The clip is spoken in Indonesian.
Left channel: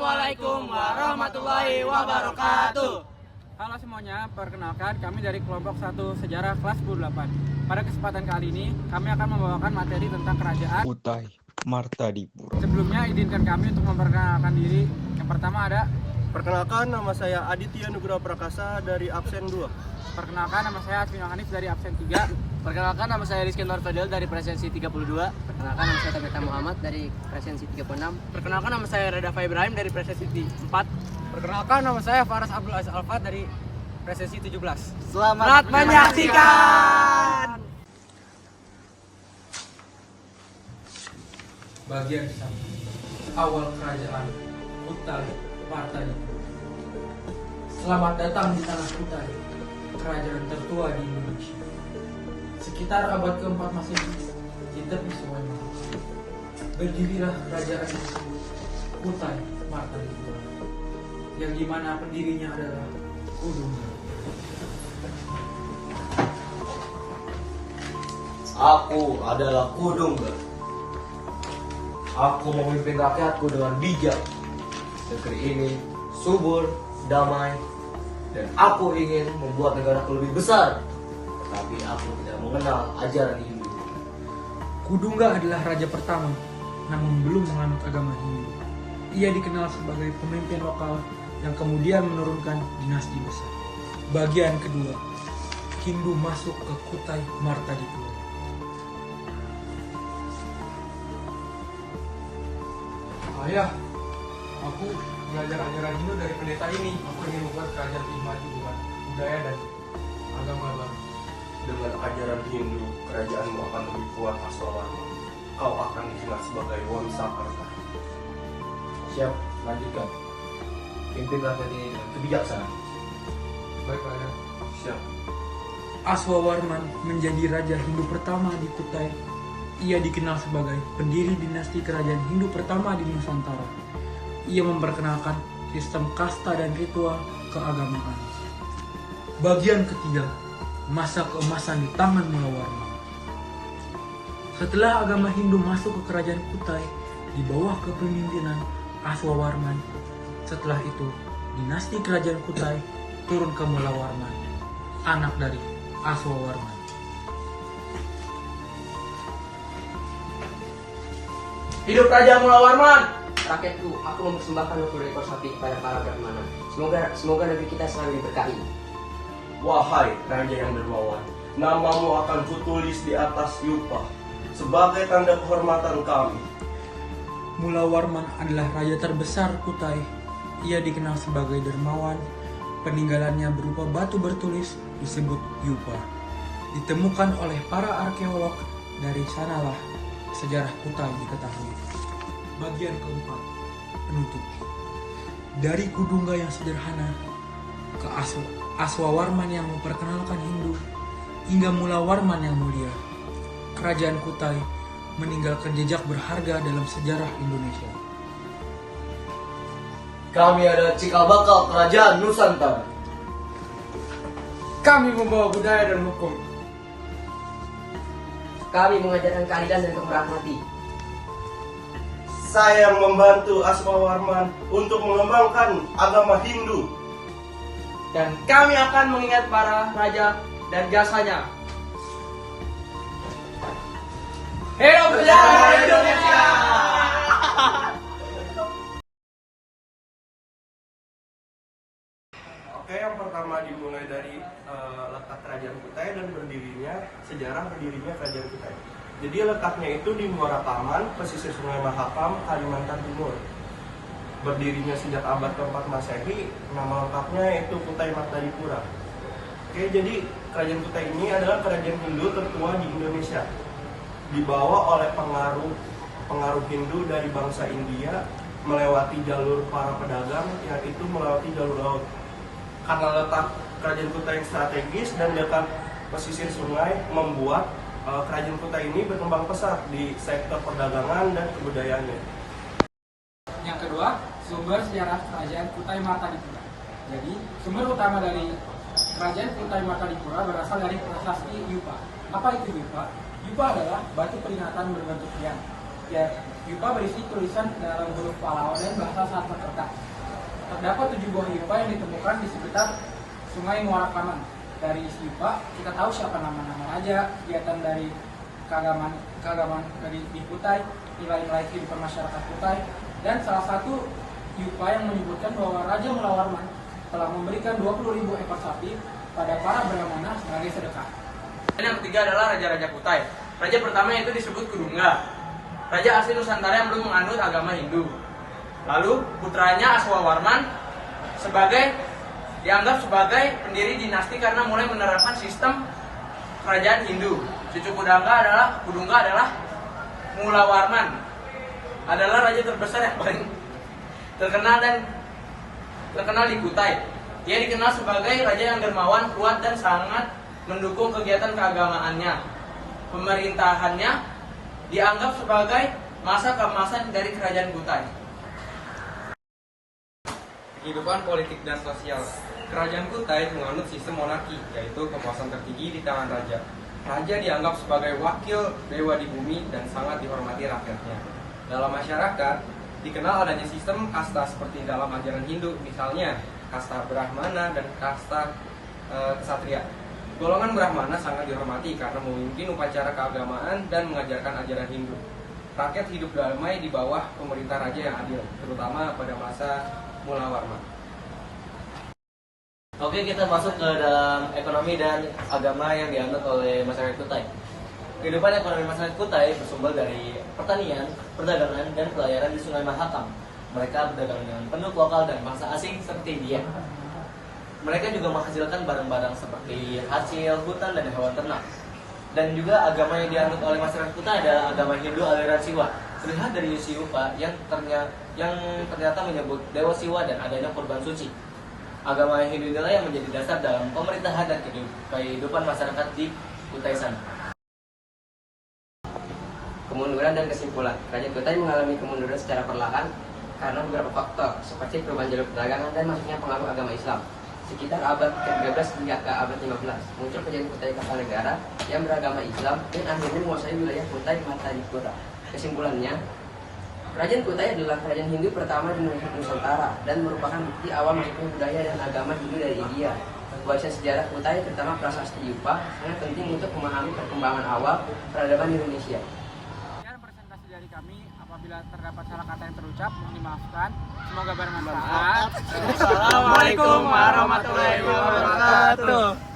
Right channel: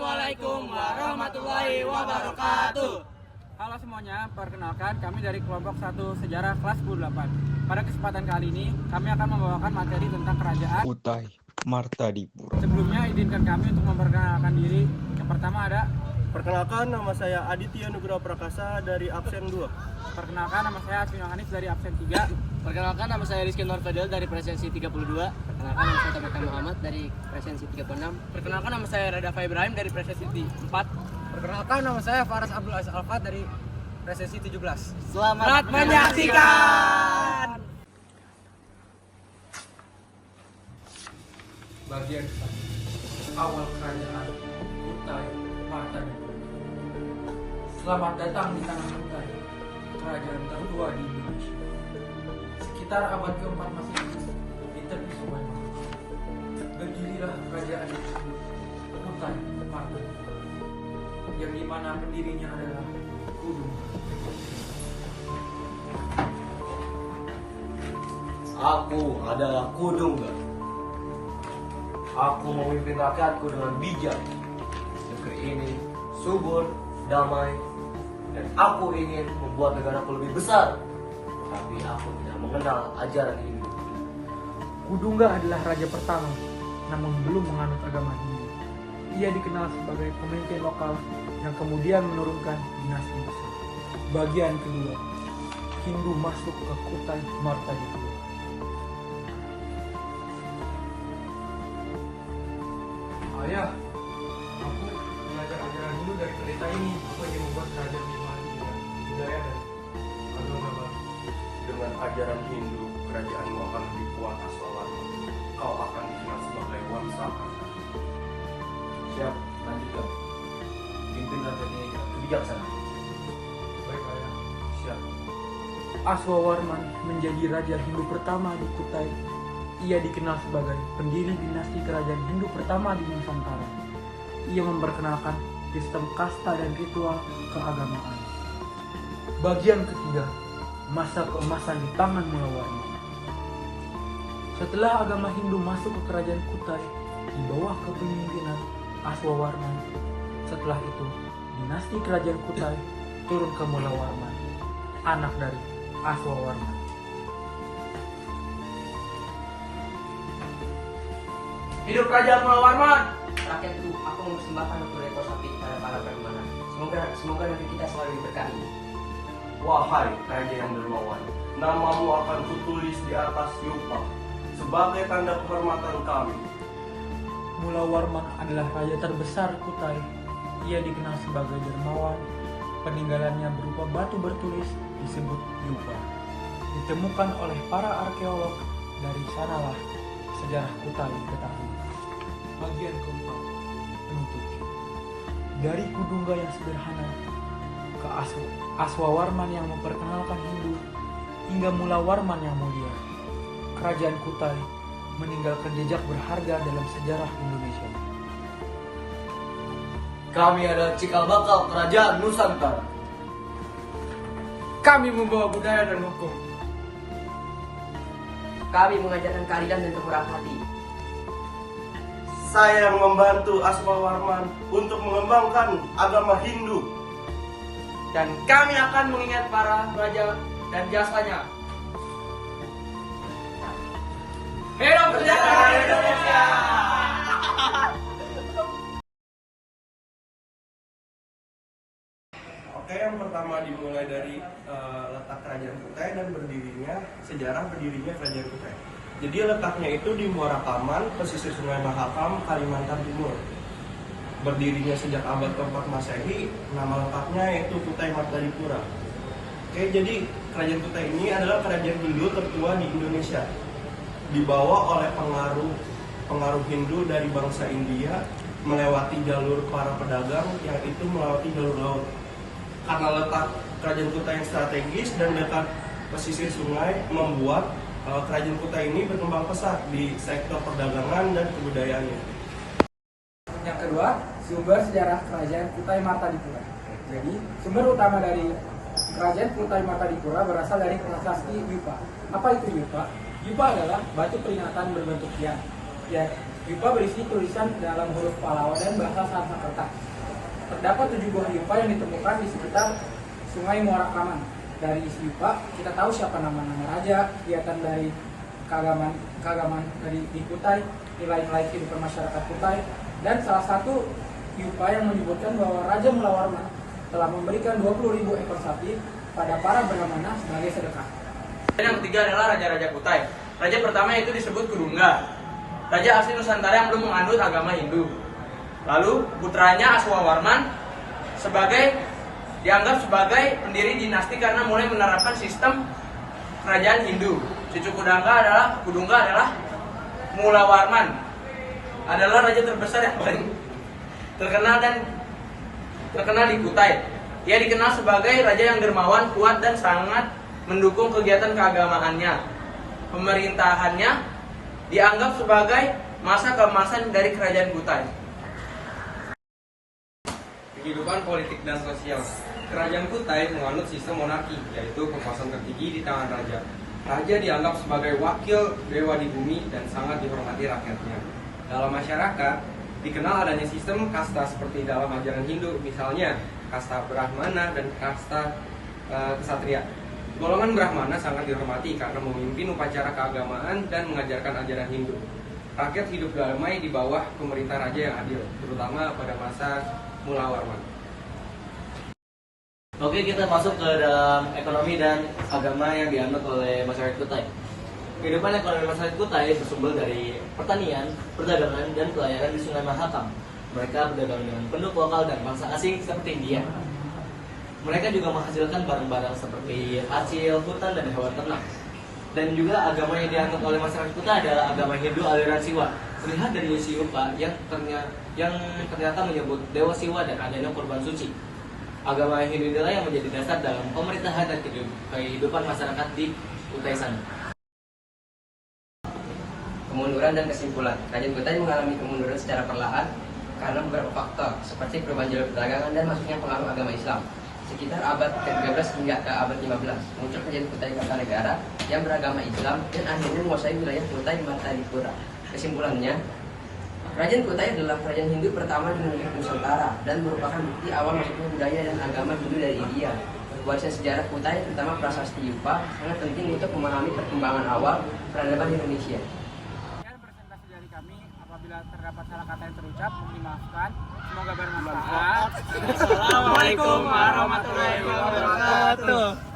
Assalamualaikum warahmatullahi wabarakatuh. Halo semuanya, perkenalkan kami dari kelompok 1 Sejarah kelas 8. Pada kesempatan kali ini, kami akan membawakan materi tentang kerajaan Kutai Martadipura. Sebelumnya, izinkan kami untuk memperkenalkan diri. Yang pertama ada. Perkenalkan, nama saya Aditya Nugroho Prakasa dari absen 2. Perkenalkan, nama saya Aswin Hanif dari absen 3. Perkenalkan, nama saya Rizky Nur Fadil dari presensi 32. Perkenalkan, nama saya Tabita Muhammad dari presensi 36. Perkenalkan, nama saya Radafa Ibrahim dari presensi 4. Perkenalkan, nama saya Faras Abdul Aziz Alfat dari presensi 17. Selamat menyaksikan. Bagian awal kerajaan Kutai Martadipura. Selamat datang di tanah Kutai, kerajaan tertua di Indonesia. Sekitar abad ke-4 Masehi, di tepi sungai Nil, berdirilah kerajaan disebut Kutai Martadipura, yang dimana pendirinya adalah Kudungga. Aku adalah Kudungga. Aku memimpin rakyatku dengan bijak. Negeri ini subur, damai, dan aku ingin membuat negaraku lebih besar. Tapi aku tidak mengenal ajaran Hindu. Kudungga adalah raja pertama, namun belum menganut agama Hindu. Ia dikenal sebagai pemimpin lokal yang kemudian menurunkan dinasti besar. Bagian kedua, Hindu masuk ke Kutai Martadipura. Ayah, aku belajar ajaran Hindu dari pendeta ini. Aku ingin membuat kerajaan lebih maju dengan budaya dan agama baru. Dengan ajaran Hindu, kerajaanmu akan lebih kuat, Aswawarman. Kau akan dikenal sebagai Wamsakarta. Siap, lanjutkan. Pimpin rakyat ini dengan kebijaksanaan. Baik, ayah. Siap. Aswawarman menjadi raja Hindu pertama di Kutai. Ia dikenal sebagai pendiri dinasti kerajaan Hindu pertama di Nusantara. Ia memperkenalkan sistem kasta dan ritual keagamaan. Bagian ketiga, masa keemasan di tangan Mulawarman. Setelah agama Hindu masuk ke kerajaan Kutai di bawah kepemimpinan Aswawarman, setelah itu dinasti kerajaan Kutai turun ke Mulawarman, anak dari Aswawarman. Hidup Raja Mulawarman. Rakyatku, aku mempersembahkan 20 ekor sapi pada para beriman. Semoga negeri kita selalu diberkahi. Wahai Raja yang dermawan, namamu akan kutulis di atas yupa sebagai tanda kehormatan kami. Mulawarman adalah raja terbesar Kutai. Ia dikenal sebagai dermawan. Peninggalannya berupa batu bertulis disebut yupa. Ditemukan oleh para arkeolog. Dari sanalah sejarah Kutai diketahui. Bagian keempat, penutup. Dari Kudungga yang sederhana ke Aswawarman yang memperkenalkan Hindu hingga Mulawarman yang mulia, kerajaan Kutai meninggalkan jejak berharga dalam sejarah Indonesia. Kami adalah cikal bakal kerajaan Nusantara. Kami membawa budaya dan hukum. Kami mengajarkan keadilan dan kemurahan hati. Saya yang membantu Aswawarman untuk mengembangkan agama Hindu. Dan kami akan mengingat para raja dan jasanya. Hidup sejarah Indonesia. Oke, yang pertama dimulai dari letak kerajaan Kutai dan sejarah berdirinya kerajaan Kutai. Jadi letaknya itu di Muara Taman, pesisir Sungai Mahakam, Kalimantan Timur. Berdirinya sejak abad ke-4 Masehi, nama lengkapnya yaitu Kutai Martadipura. Oke, jadi kerajaan Kutai ini adalah kerajaan Hindu tertua di Indonesia. Dibawa oleh pengaruh Hindu dari bangsa India, melewati jalur para pedagang, yaitu melewati jalur laut. Karena letak kerajaan Kutai yang strategis dan dekat pesisir sungai, membuat kerajaan Kutai ini berkembang pesat di sektor perdagangan dan kebudayaannya. Yang kedua, sumber sejarah kerajaan Kutai Martadipura. Jadi, sumber utama dari kerajaan Kutai Martadipura berasal dari prasasti Yupa. Apa itu Yupa? Yupa adalah batu peringatan berbentuk tiang. Ya, Yupa berisi tulisan dalam huruf Pallawa dan bahasa Sanskerta. Terdapat 7 buah yupa yang ditemukan di sekitar Sungai Muara Kaman. Dari isi yupa, kita tahu siapa nama-nama raja, kegiatan dari keagamaan di Kutai, nilai-nilai kehidupan masyarakat Kutai, dan salah satu yupa yang menyebutkan bahwa Raja Mulawarman telah memberikan 20.000 ekor sapi pada para Brahmana sebagai sedekah. Dan yang ketiga adalah raja-raja Kutai. Raja pertama yaitu disebut Kudungga, raja asli Nusantara yang belum menganut agama Hindu. Lalu putranya Aswawarman dianggap sebagai pendiri dinasti karena mulai menerapkan sistem kerajaan Hindu. Cucu Kudungga adalah Mulawarman, adalah raja terbesar yang paling terkenal di Kutai. Ia dikenal sebagai raja yang dermawan, kuat, dan sangat mendukung kegiatan keagamaannya. Pemerintahannya dianggap sebagai masa keemasan dari kerajaan Kutai. Kehidupan politik dan sosial. Kerajaan Kutai menganut sistem monarki, yaitu kekuasaan tertinggi di tangan raja. Raja dianggap sebagai wakil dewa di bumi dan sangat dihormati rakyatnya. Dalam masyarakat, dikenal adanya sistem kasta seperti dalam ajaran Hindu, misalnya kasta Brahmana dan kasta Ksatria. Golongan Brahmana sangat dihormati karena memimpin upacara keagamaan dan mengajarkan ajaran Hindu. Rakyat hidup damai di bawah pemerintah raja yang adil, terutama pada masa Mulawarman. Oke, kita masuk ke dalam ekonomi dan agama yang dianut oleh masyarakat Kutai. Kehidupan ekonomi masyarakat Kutai bersumber dari pertanian, perdagangan, dan pelayaran di Sungai Mahakam. Mereka berdagang dengan penduduk lokal dan bangsa asing seperti India. Mereka juga menghasilkan barang-barang seperti hasil hutan dan hewan ternak. Dan juga agama yang dianut oleh masyarakat Kutai adalah agama Hindu aliran Siwa. Terlihat dari isi yupa yang ternyata menyebut Dewa Siwa dan adanya kurban suci. Agama Hindu inilah yang menjadi dasar dalam pemerintahan dan kehidupan masyarakat di Kutai sana. Kemunduran dan kesimpulan. Kerajaan Kutai mengalami kemunduran secara perlahan karena beberapa faktor seperti perubahan jalur perdagangan dan masuknya pengaruh agama Islam. Sekitar abad ke-13 hingga ke abad 15, muncul kerajaan Kutai Kartanegara yang beragama Islam dan akhirnya menguasai wilayah Kutai Martadipura. Kesimpulannya, kerajaan Kutai adalah kerajaan Hindu pertama di Nusantara dan merupakan bukti awal masuknya budaya dan agama Hindu dari India. Warisan sejarah Kutai, terutama prasasti Yupa, sangat penting untuk memahami perkembangan awal peradaban Indonesia. Sekian presentasi dari kami. Apabila terdapat salah kata yang terucap, mohon dimaafkan. Semoga bermanfaat. Assalamualaikum warahmatullahi wabarakatuh.